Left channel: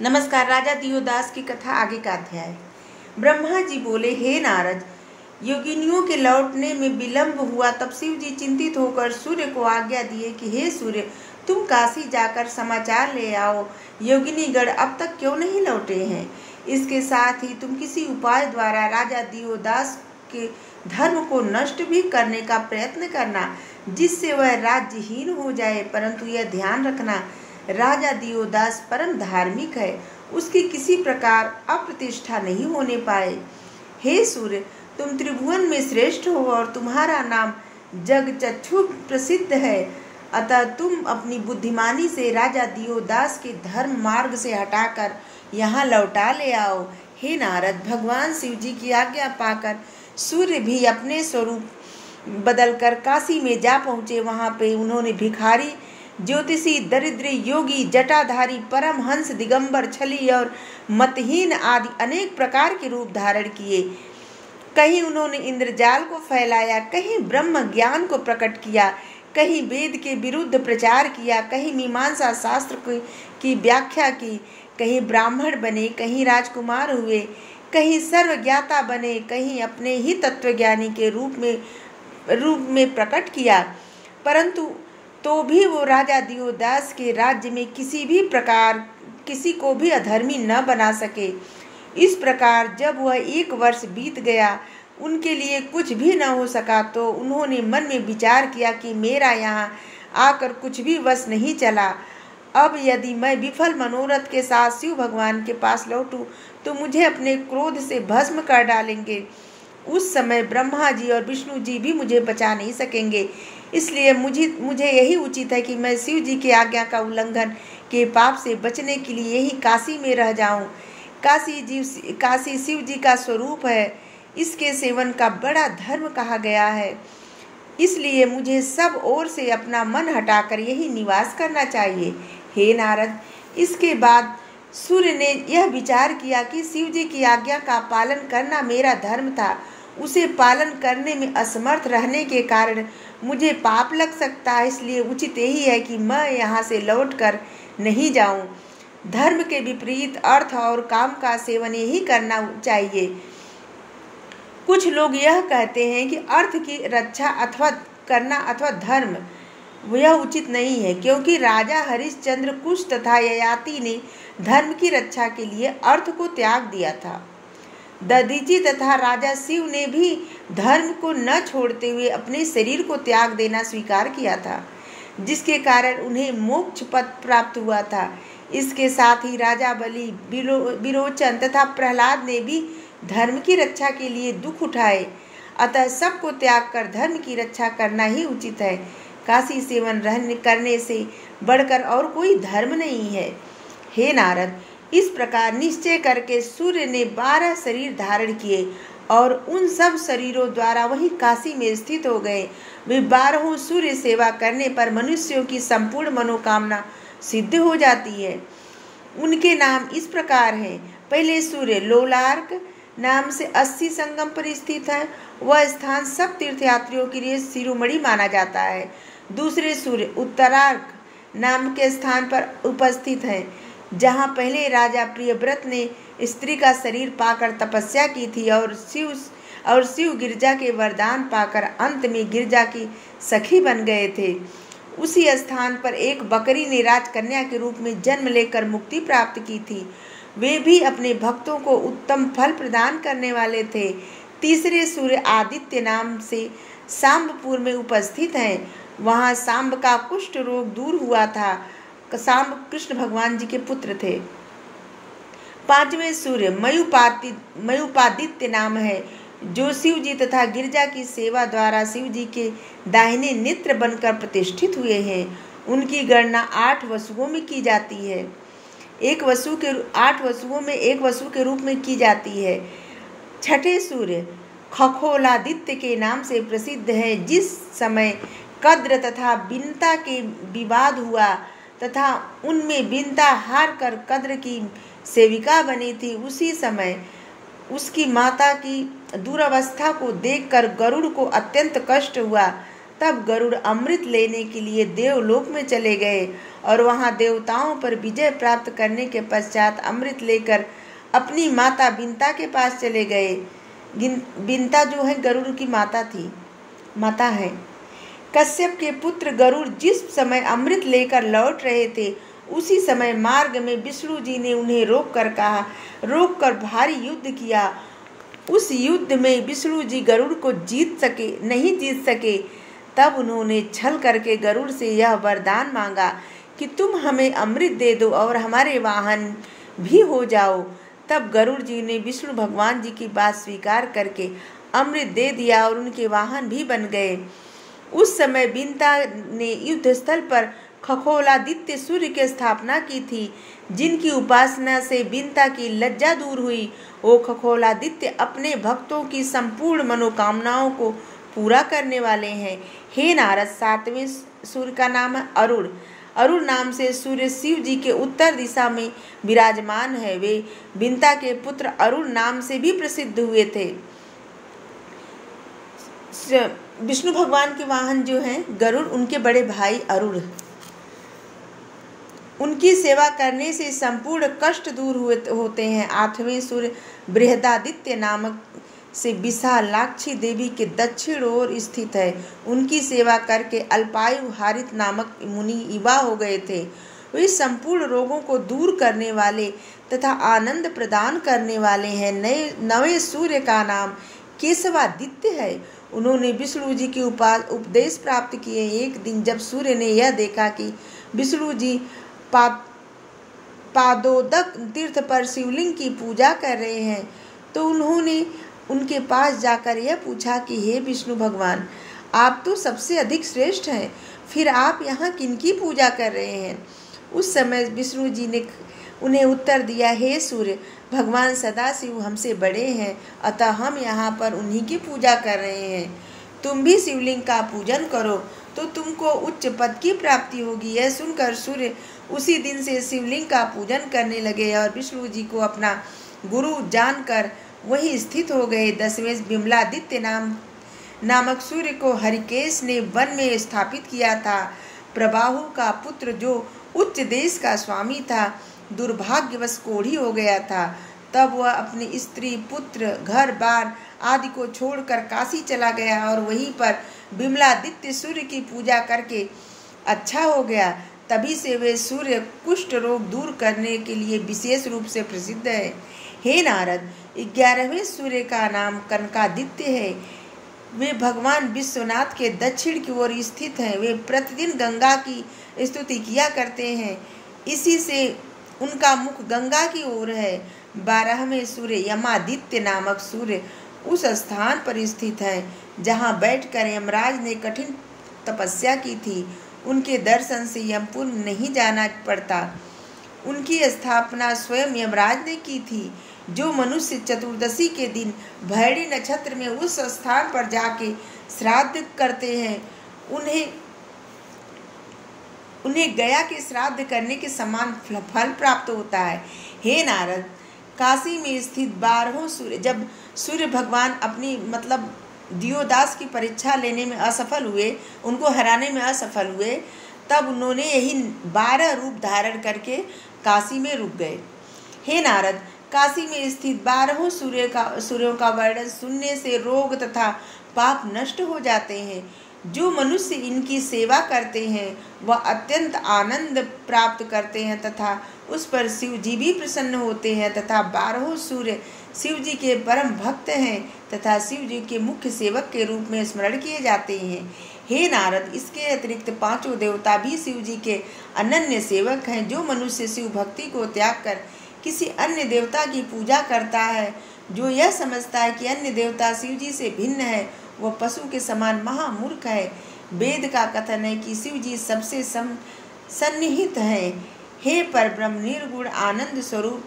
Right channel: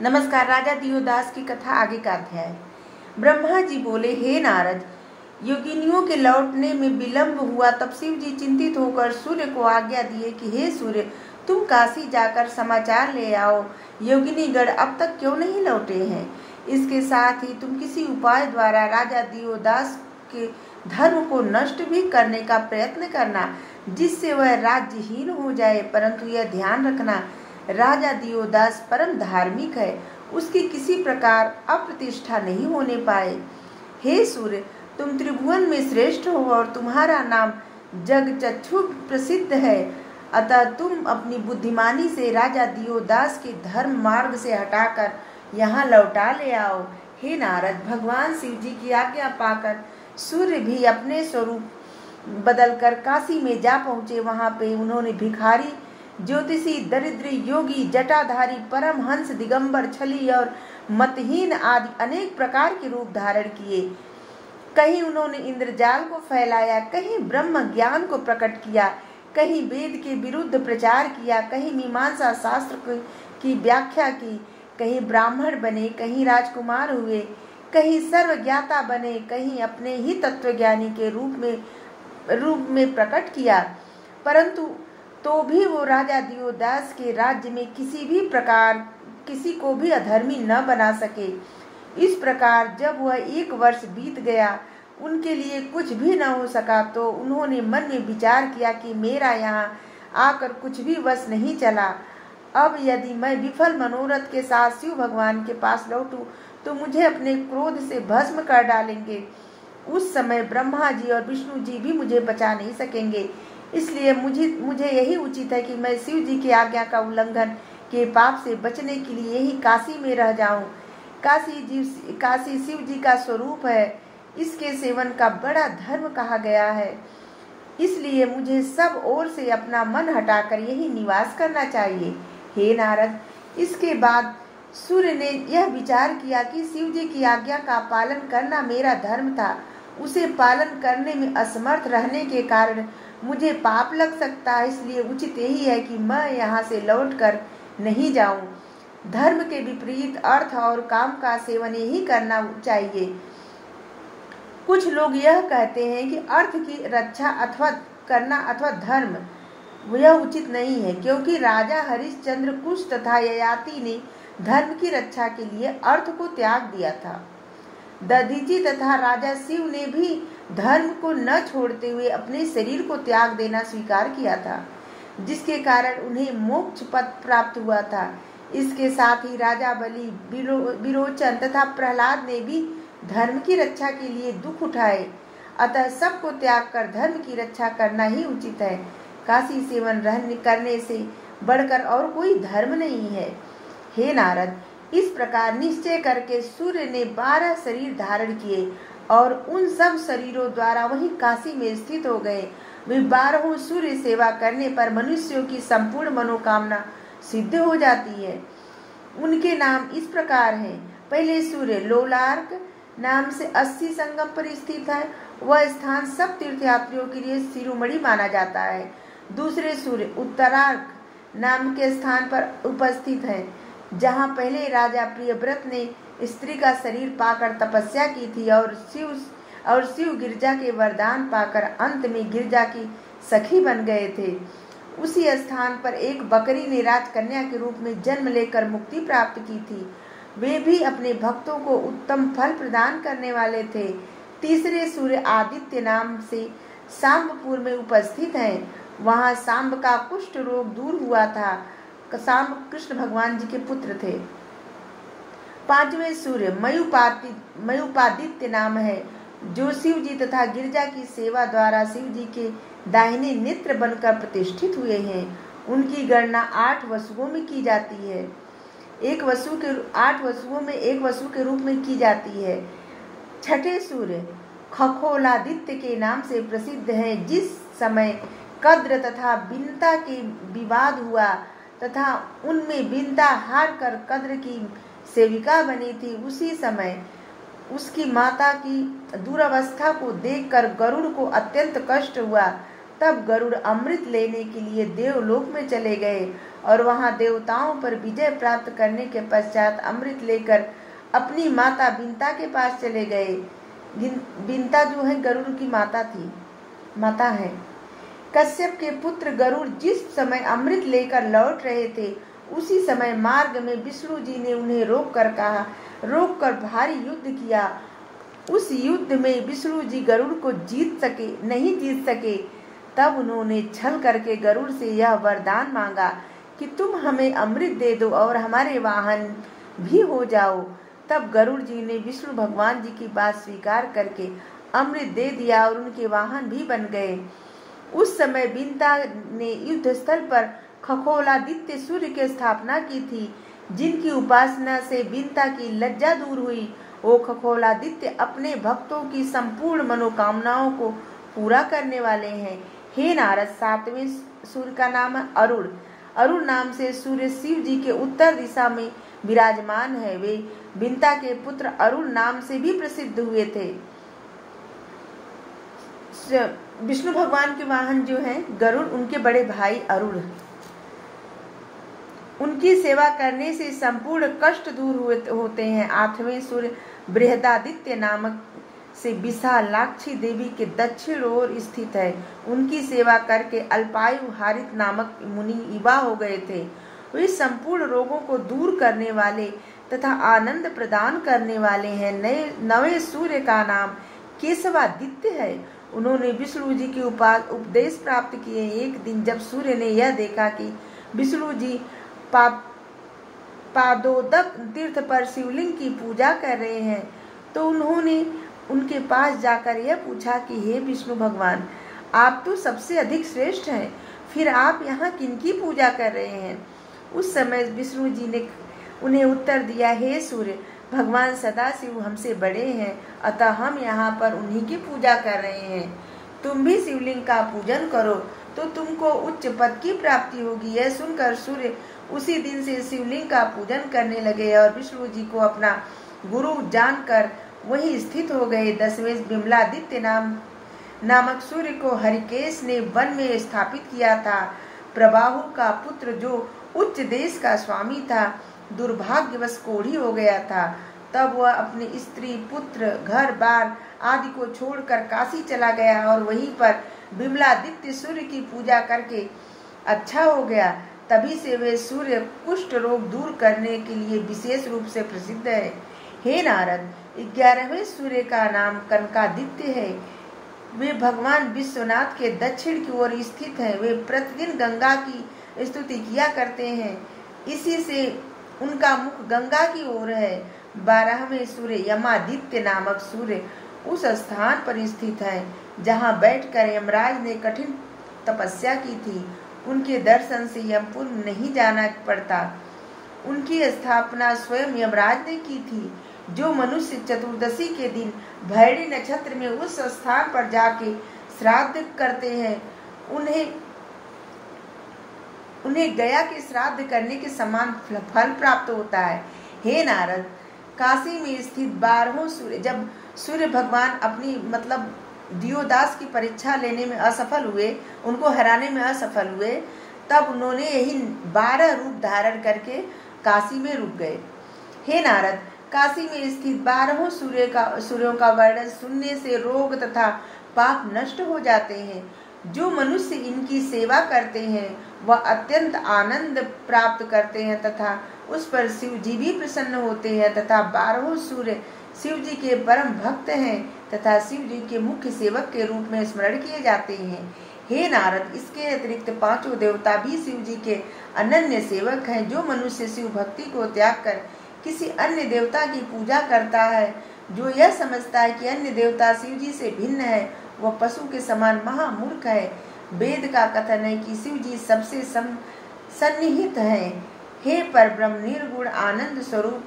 नमस्कार। राजा दियोदास की कथा आगे का अध्याय। ब्रह्मा जी बोले, हे नारद, योगिनियों के लौटने में विलंब हुआ। तब शिव जी चिंतित होकर सूर्य को आज्ञा दिए कि हे सूर्य, तुम काशी जाकर समाचार ले आओ, योगिनीगण अब तक क्यों नहीं लौटे हैं। इसके साथ ही तुम किसी उपाय द्वारा राजा दियोदास के धर्म को नष्ट भी करने का प्रयत्न करना, जिससे वह राज्यहीन हो जाए। परंतु यह ध्यान रखना, राजा दियोदास परम धार्मिक है, उसकी किसी प्रकार अप्रतिष्ठा नहीं होने पाए। हे सूर्य, तुम त्रिभुवन में श्रेष्ठ हो और तुम्हारा नाम जगचक्षु प्रसिद्ध है, अतः तुम अपनी बुद्धिमानी से राजा दियोदास के धर्म मार्ग से हटाकर यहाँ लौटा ले आओ। हे नारद, भगवान शिव जी की आज्ञा पाकर सूर्य भी अपने स्वरूप बदलकर काशी में जा पहुँचे। वहाँ पे उन्होंने भिखारी, ज्योतिषी, दरिद्र, योगी, जटाधारी, परमहंस, दिगंबर, छली और मतहीन आदि अनेक प्रकार के रूप धारण किए। कहीं उन्होंने इंद्रजाल को फैलाया, कहीं ब्रह्म ज्ञान को प्रकट किया, कहीं वेद के विरुद्ध प्रचार किया, कहीं मीमांसा शास्त्र की व्याख्या की, कहीं ब्राह्मण बने, कहीं राजकुमार हुए, कहीं सर्वज्ञाता बने, कहीं अपने ही तत्वज्ञानी के रूप में प्रकट किया। परंतु तो भी वो राजा दियोदास के राज्य में किसी भी प्रकार किसी को भी अधर्मी न बना सके। इस प्रकार जब वह 1 वर्ष बीत गया, उनके लिए कुछ भी न हो सका, तो उन्होंने मन में विचार किया कि मेरा यहाँ आकर कुछ भी वश नहीं चला। अब यदि मैं विफल मनोरथ के साथ शिव भगवान के पास लौटूं, तो मुझे अपने क्रोध से भस्म कर डालेंगे। उस समय ब्रह्मा जी और विष्णु जी भी मुझे बचा नहीं सकेंगे। इसलिए मुझे यही उचित है कि मैं शिव जी की आज्ञा का उल्लंघन के पाप से बचने के लिए यही काशी में रह जाऊं। काशी शिव जी का स्वरूप है, इसके सेवन का बड़ा धर्म कहा गया है। इसलिए मुझे सब ओर से अपना मन हटाकर यही निवास करना चाहिए। हे नारद, इसके बाद सूर्य ने यह विचार किया कि शिव जी की आज्ञा का पालन करना मेरा धर्म था। उसे पालन करने में असमर्थ रहने के कारण मुझे पाप लग सकता है, इसलिए उचित यही है कि मैं यहाँ से लौटकर नहीं जाऊँ। धर्म के विपरीत अर्थ और काम का सेवन यही करना चाहिए। कुछ लोग यह कहते हैं कि अर्थ की रक्षा करना अथवा धर्म, यह उचित नहीं है, क्योंकि राजा हरिश्चंद्र, कुश तथा ययाति ने धर्म की रक्षा के लिए अर्थ को त्याग दिया था। दधीची तथा राजा शिव ने भी धर्म को न छोड़ते हुए अपने शरीर को त्याग देना स्वीकार किया था, जिसके कारण उन्हें मोक्ष पद प्राप्त हुआ था। इसके साथ ही राजा बलि, विरोचन तथा प्रहलाद ने भी धर्म की रक्षा के लिए दुख उठाए। अतः सबको त्याग कर धर्म की रक्षा करना ही उचित है। काशी सेवन करने से बढ़कर और कोई धर्म नहीं है। हे नारद, इस प्रकार निश्चय करके सूर्य ने 12 शरीर धारण किए और उन सब शरीरों द्वारा वही काशी में स्थित हो गए। वे 12 सूर्य सेवा करने पर मनुष्यों की संपूर्ण मनोकामना सिद्ध हो जाती है। उनके नाम इस प्रकार हैं। पहले सूर्य लोलार्क नाम से 80 संगम पर स्थित है। वह स्थान सब तीर्थयात्रियों के लिए शिरोमणि माना जाता है। दूसरे सूर्य उत्तरार्क नाम के स्थान पर उपस्थित है, जहाँ पहले राजा प्रियव्रत ने स्त्री का शरीर पाकर तपस्या की थी और शिव गिरजा के वरदान पाकर अंत में गिरजा की सखी बन गए थे। उसी स्थान पर एक बकरी ने राजकन्या के रूप में जन्म लेकर मुक्ति प्राप्त की थी। वे भी अपने भक्तों को उत्तम फल प्रदान करने वाले थे। तीसरे सूर्य आदित्य नाम से सांबपुर में उपस्थित हैं। वहाँ सांब का कुष्ठ रोग दूर हुआ था। सांब कृष्ण भगवान जी के पुत्र थे। 5वें सूर्य मयुपादित्य नाम है, जो शिव जी तथा गिरजा की सेवा द्वारा शिव जी के दाहिने नेत्र बनकर प्रतिष्ठित हुए हैं। उनकी गणना 8 वसुओं में की जाती है। 8 वसुओं में एक वसु के रूप में की जाती है। 6ठे सूर्य खगोलादित्य के नाम से प्रसिद्ध है। जिस समय कद्र तथा बिनता के विवाद हुआ तथा उनमें बिनता हार कर कद्र की सेविका बनी थी, उसी समय उसकी माता की दुरावस्था को देखकर गरुड़ को अत्यंत कष्ट हुआ। तब गरुड़ अमृत लेने के लिए देवलोक में चले गए और वहां देवताओं पर विजय प्राप्त करने के पश्चात अमृत लेकर अपनी माता बिंता के पास चले गए। बिंता जो है गरुड़ की माता है। कश्यप के पुत्र गरुड़ जिस समय अमृत लेकर लौट रहे थे उसी समय मार्ग में विष्णु जी ने उन्हें रोककर भारी युद्ध किया। उस युद्ध में विष्णु जी गरुड़ को नहीं जीत सके। तब उन्होंने छल करके गरुड़ से यह वरदान मांगा कि तुम हमें अमृत दे दो और हमारे वाहन भी हो जाओ। तब गरुड़ जी ने विष्णु भगवान जी की बात स्वीकार करके अमृत दे दिया और उनके वाहन भी बन गए। उस समय बिंता ने युद्ध स्थल पर खगोलादित्य सूर्य की स्थापना की थी, जिनकी उपासना से बिंता की लज्जा दूर हुई। वो खगोलादित्य अपने भक्तों की संपूर्ण मनोकामनाओं को पूरा करने वाले हैं। हे नारद, 7वें सूर्य का नाम है अरुण। अरुण नाम से सूर्य शिव जी के उत्तर दिशा में विराजमान है। वे बिंता के पुत्र अरुण नाम से भी प्रसिद्ध हुए थे। विष्णु भगवान के वाहन जो हैं गरुड़, उनके बड़े भाई अरुण। उनकी सेवा करने से संपूर्ण कष्ट दूर होते हैं। 8वें सूर्य बृहदादित्य नामक से विशालाक्षी देवी के दक्षिण ओर स्थित है। उनकी सेवा करके अल्पायु हारित नामक मुनि युवा हो गए थे। वे संपूर्ण रोगों को दूर करने वाले तथा आनंद प्रदान करने वाले हैं। 9वें सूर्य का नाम केशवादित्य है। उन्होंने विष्णु जी के उपदेश प्राप्त किए। एक दिन जब सूर्य ने यह देखा कि विष्णु जी पादोदक तीर्थ पर शिवलिंग की पूजा कर रहे हैं, तो उन्होंने उनके पास जाकर यह पूछा कि हे विष्णु भगवान, आप तो सबसे अधिक श्रेष्ठ हैं, फिर आप यहाँ किनकी पूजा कर रहे हैं? उस समय विष्णु जी ने उन्हें उत्तर दिया, हे सूर्य, भगवान सदाशिव हमसे बड़े हैं, अतः हम यहाँ पर उन्हीं की पूजा कर रहे हैं। तुम भी शिवलिंग का पूजन करो तो तुमको उच्च पद की प्राप्ति होगी। यह सुनकर सूर्य उसी दिन से शिवलिंग का पूजन करने लगे और विष्णु जी को अपना गुरु जानकर वहीं स्थित हो गए। 10वें विमलादित्य नामक सूर्य को हरिकेश ने वन में स्थापित किया था। प्रबाहु का पुत्र जो उच्च देश का स्वामी था, दुर्भाग्यवश कोढ़ी हो गया था। तब वह अपने स्त्री, पुत्र, घर बार आदि को छोड़कर काशी चला गया और वहीं पर विमलादित्य सूर्य की पूजा करके अच्छा हो गया। तभी से वे सूर्य कुष्ठ रोग दूर करने के लिए विशेष रूप से प्रसिद्ध है। हे नारद, 11वें सूर्य का नाम कनकादित्य है। वे भगवान विश्वनाथ के दक्षिण की ओर स्थित हैं। वे प्रतिदिन गंगा की स्तुति किया करते हैं, इसी से उनका मुख गंगा की ओर है। 12वें सूर्य यमादित्य नामक सूर्य उस स्थान पर स्थित है जहाँ बैठकर यमराज ने कठिन तपस्या की थी। उनके दर्शन से यमपुर नहीं जाना पड़ता। उनकी स्थापना स्वयं यमराज ने की थी। जो मनुष्य चतुर्दशी के दिन भैरी नक्षत्र में उस स्थान पर जाके श्राद्ध करते हैं, उन्हें गया के श्राद्ध करने के समान फल प्राप्त होता है। हे नारद, काशी में स्थित 12वां सूर्य, जब सूर्य भगवान अपनी दियोदास की परीक्षा लेने में असफल हुए, उनको हराने में असफल हुए, तब उन्होंने यही 12 रूप धारण करके काशी में रुक गए। हे नारद, काशी में स्थित 12वां सूर्यों का वर्णन सुनने से रोग तथा पाप नष्ट हो जाते हैं। जो मनुष्य इनकी सेवा करते हैं वह अत्यंत आनंद प्राप्त करते हैं तथा उस पर शिव जी भी प्रसन्न होते हैं तथा 12वां सूर्य शिव जी के परम भक्त हैं तथा शिव जी के मुख्य सेवक के रूप में स्मरण किए जाते हैं। हे नारद, इसके अतिरिक्त 5 देवता भी शिव जी के अनन्य सेवक हैं। जो मनुष्य शिव भक्ति को त्याग कर किसी अन्य देवता की पूजा करता है, जो यह समझता है कि अन्य देवता शिव जी से भिन्न है, वह पशु के समान महामूर्ख है। वेद का कथन है कि शिव जी सबसे सन्निहित है। हे परब्रह्म, निर्गुण आनंद स्वरूप